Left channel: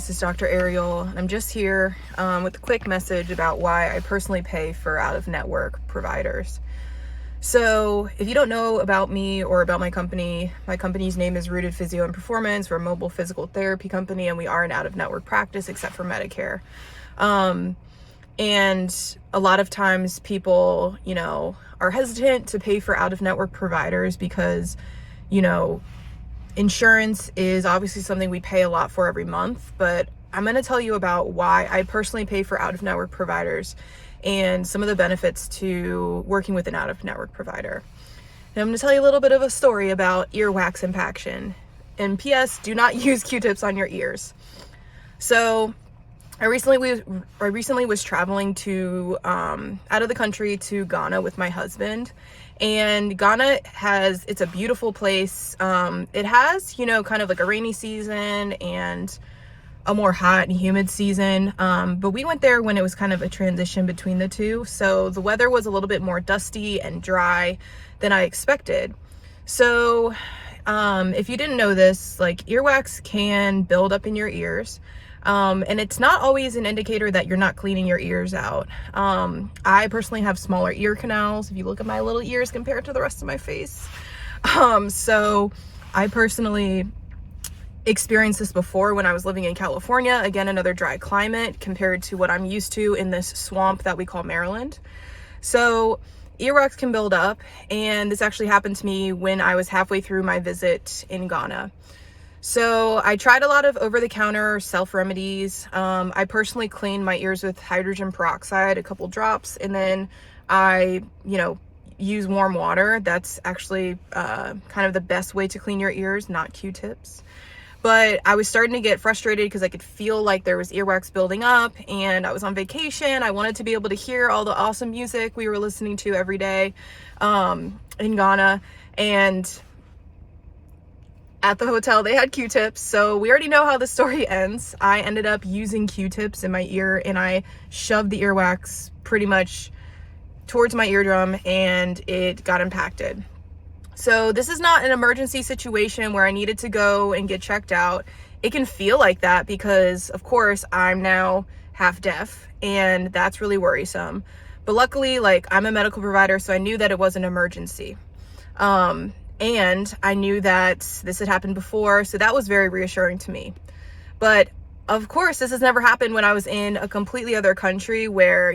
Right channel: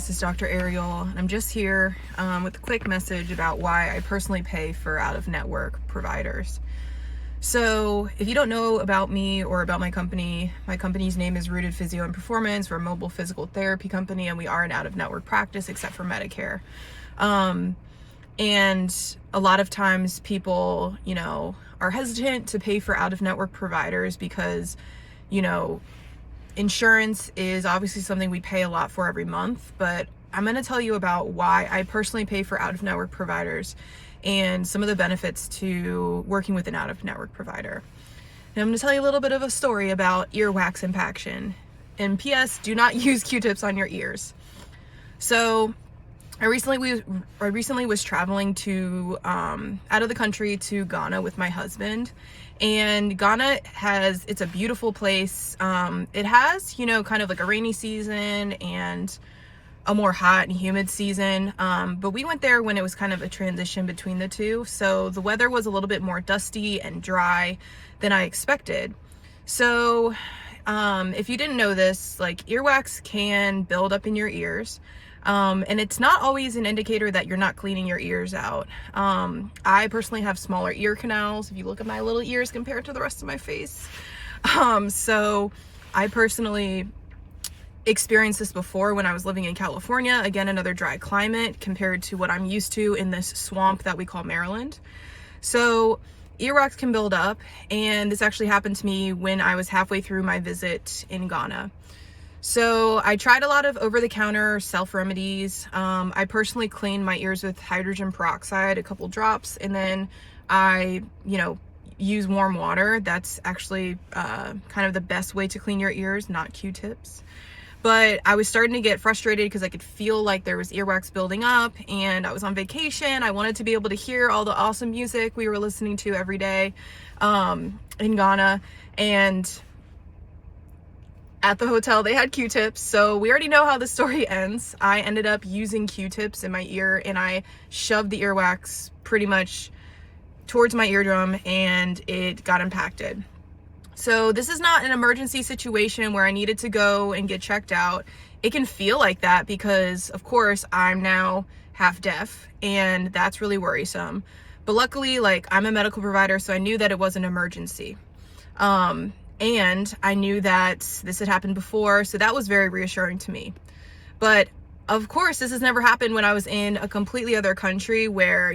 this is Dr. Ariel. I'm just here with a quick message about why I personally pay for out-of-network providers. So if you don't know about me or about my company's name is Rooted Physio Performance. We're a mobile physical therapy company, and we are an out-of-network practice except for Medicare. And a lot of times people, are hesitant to pay for out-of-network providers because, insurance is obviously something we pay a lot for every month, but I'm going to tell you about why I personally pay for out-of-network providers and some of the benefits to working with an out-of-network provider. And I'm going to tell you a little bit of a story about earwax impaction. And P.S. do not use Q-tips on your ears. So I recently was traveling to out of the country to Ghana with my husband. And Ghana it's a beautiful place. It has, kind of like a rainy season and a more hot and humid season. But we went there when it was kind of a transition between the two. So the weather was a little bit more dusty and dry than I expected. So if you didn't know this, like earwax can build up in your ears. And it's not always an indicator that you're not cleaning your ears out. I personally have smaller ear canals. If you look at my little ears compared to the rest of my face. So I personally experienced this before when I was living in California. Again, another dry climate compared to what I'm used to in this swamp that we call Maryland. So earwax can build up, and this actually happened to me when I was halfway through my visit in Ghana. So I tried a lot of over-the-counter self-remedies. I personally cleaned my ears with hydrogen peroxide, a couple drops, and then I, use warm water. That's actually kind of the best way to clean your ears, not Q-tips. But I was starting to get frustrated because I could feel like there was earwax building up, and I was on vacation. I wanted to be able to hear all the awesome music we were listening to every day in Ghana. And at the hotel, they had Q-tips, so we already know how the story ends. I ended up using Q-tips in my ear, and I shoved the earwax pretty much towards my eardrum, and it got impacted. So this is not an emergency situation where I needed to go and get checked out. It can feel like that because, of course, I'm now half deaf, and that's really worrisome. But luckily, I'm a medical provider, so I knew that it was an emergency. And I knew that this had happened before, so that was very reassuring to me. But of course, this has never happened when I was in a completely other country where,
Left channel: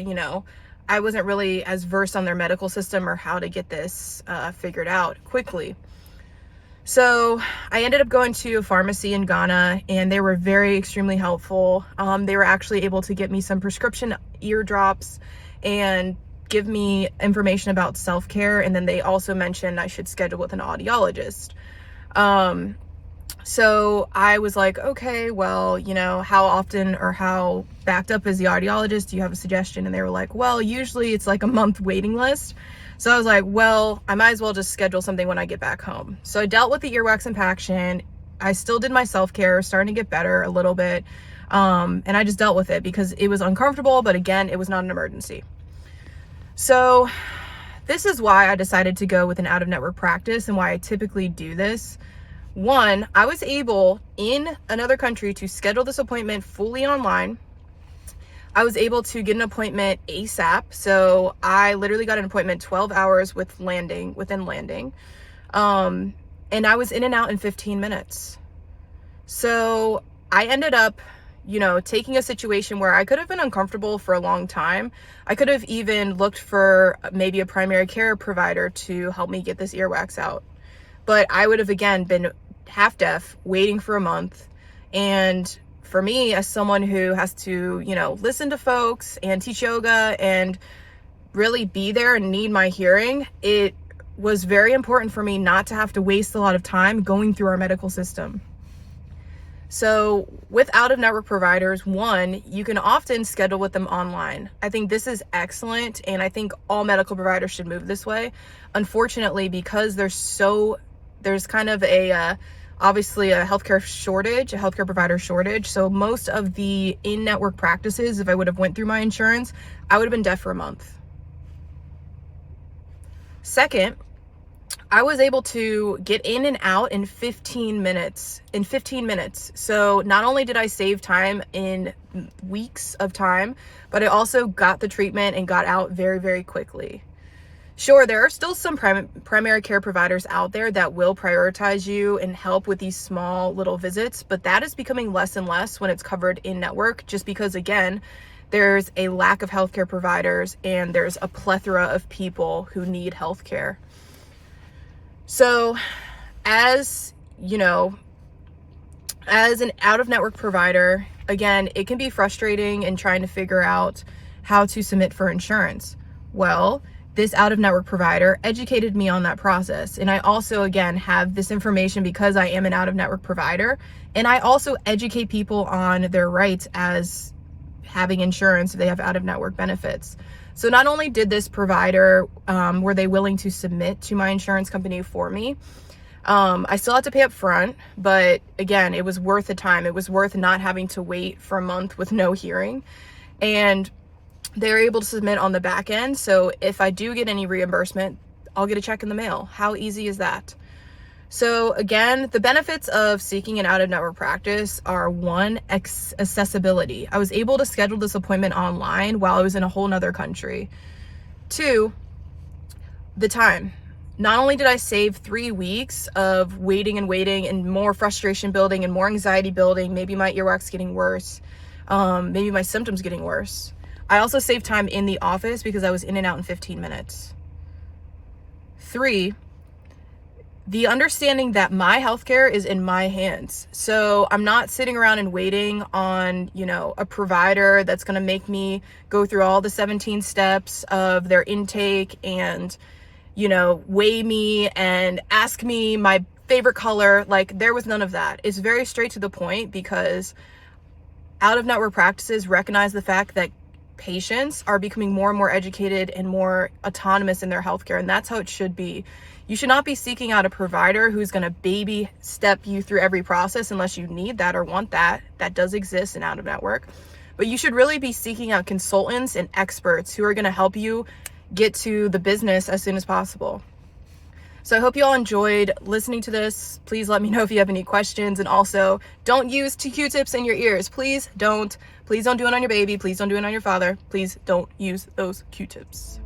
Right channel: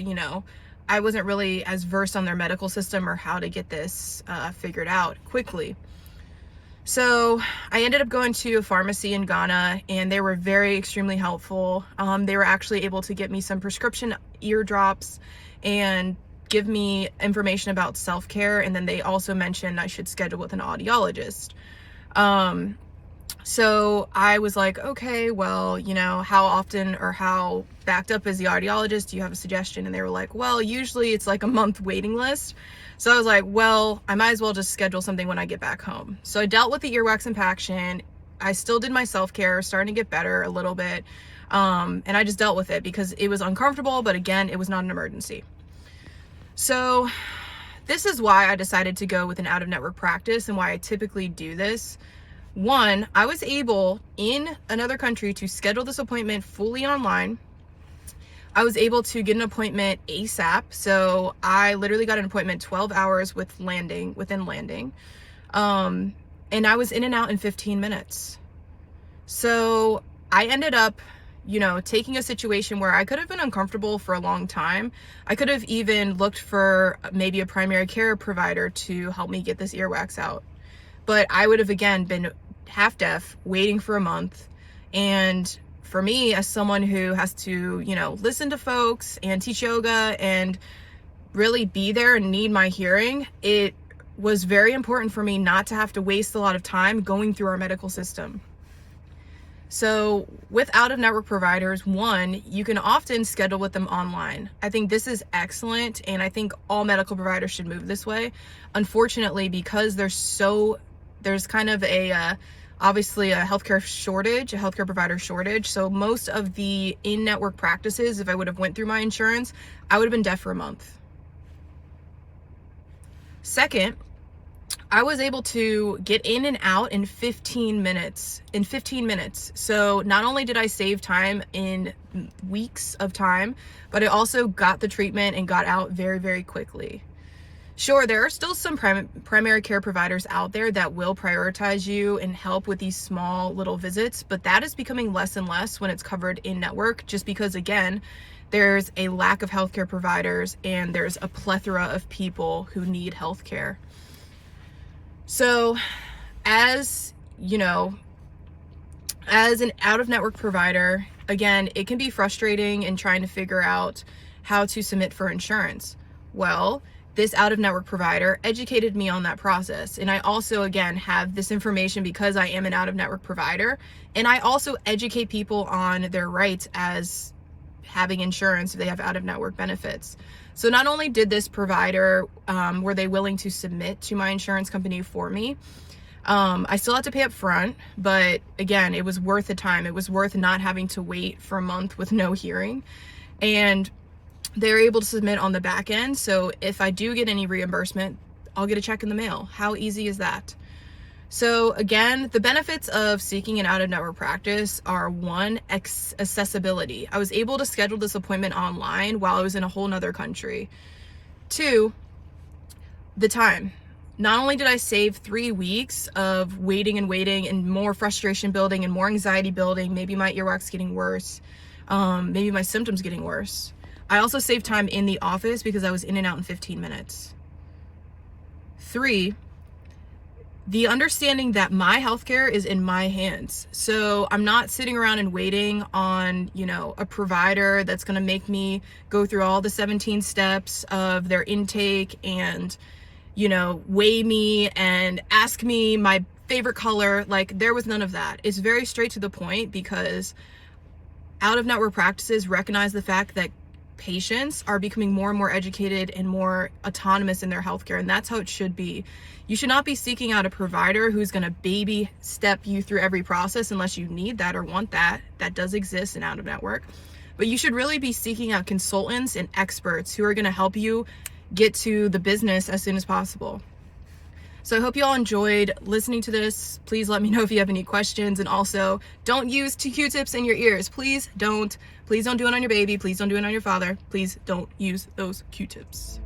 I wasn't really as versed on their medical system or how to get this figured out quickly. So I ended up going to a pharmacy in Ghana, and they were extremely helpful. They were actually able to get me some prescription ear drops and give me information about self-care, and then they also mentioned I should schedule with an audiologist. So I was like, okay, well, how often or how backed up is the audiologist? Do you have a suggestion? And they were like, well, usually it's like a month waiting list. So I was like, well, I might as well just schedule something when I get back home. So I dealt with the earwax impaction. I still did my self-care, starting to get better a little bit. And I just dealt with it because it was uncomfortable, but again, it was not an emergency. So this is why I decided to go with an out-of-network practice and why I typically do this. One, I was able in another country to schedule this appointment fully online. I was able to get an appointment ASAP. So I literally got an appointment 12 hours within landing. And I was in and out in 15 minutes. So I ended up taking a situation where I could have been uncomfortable for a long time. I could have even looked for maybe a primary care provider to help me get this earwax out. But I would have, again, been half deaf, waiting for a month. And for me, as someone who has to, listen to folks and teach yoga and really be there and need my hearing, it was very important for me not to have to waste a lot of time going through our medical system. So with out-of-network providers, one, you can often schedule with them online. I think this is excellent, and I think all medical providers should move this way. Unfortunately, because there's kind of obviously a healthcare provider shortage. So most of the in-network practices, if I would have went through my insurance, I would have been deaf for a month. Second, I was able to get in and out in 15 minutes. So not only did I save time in weeks of time, but I also got the treatment and got out very, very quickly. Sure, there are still some primary care providers out there that will prioritize you and help with these small little visits, but that is becoming less and less when it's covered in network, just because, again, there's a lack of healthcare providers and there's a plethora of people who need healthcare. So, as you know, as an out-of-network provider, again, it can be frustrating in trying to figure out how to submit for insurance. Well, this out-of-network provider educated me on that process. And I also, again, have this information because I am an out-of-network provider. And I also educate people on their rights as having insurance if they have out-of-network benefits. So not only did this provider, were they willing to submit to my insurance company for me, I still had to pay up front, but again, it was worth the time. It was worth not having to wait for a month with no hearing. And they're able to submit on the back end. So if I do get any reimbursement, I'll get a check in the mail. How easy is that? So again, the benefits of seeking an out-of-network practice are: one, accessibility. I was able to schedule this appointment online while I was in a whole nother country. Two, the time. Not only did I save 3 weeks of waiting and more frustration building and more anxiety building, maybe my earwax getting worse, maybe my symptoms getting worse, I also saved time in the office because I was in and out in 15 minutes. 3, the understanding that my healthcare is in my hands. So I'm not sitting around and waiting on, a provider that's going to make me go through all the 17 steps of their intake and, weigh me and ask me my favorite color. Like, there was none of that. It's very straight to the point because out-of-network practices recognize the fact that patients are becoming more and more educated and more autonomous in their healthcare, and that's how it should be. You should not be seeking out a provider who's going to baby step you through every process unless you need that or want that. That does exist in out-of-network. But you should really be seeking out consultants and experts who are going to help you get to the business as soon as possible. So I hope you all enjoyed listening to this. Please let me know if you have any questions. And also, don't use 2 Q-tips in your ears. Please don't. Please don't do it on your baby. Please don't do it on your father. Please don't use those Q-tips.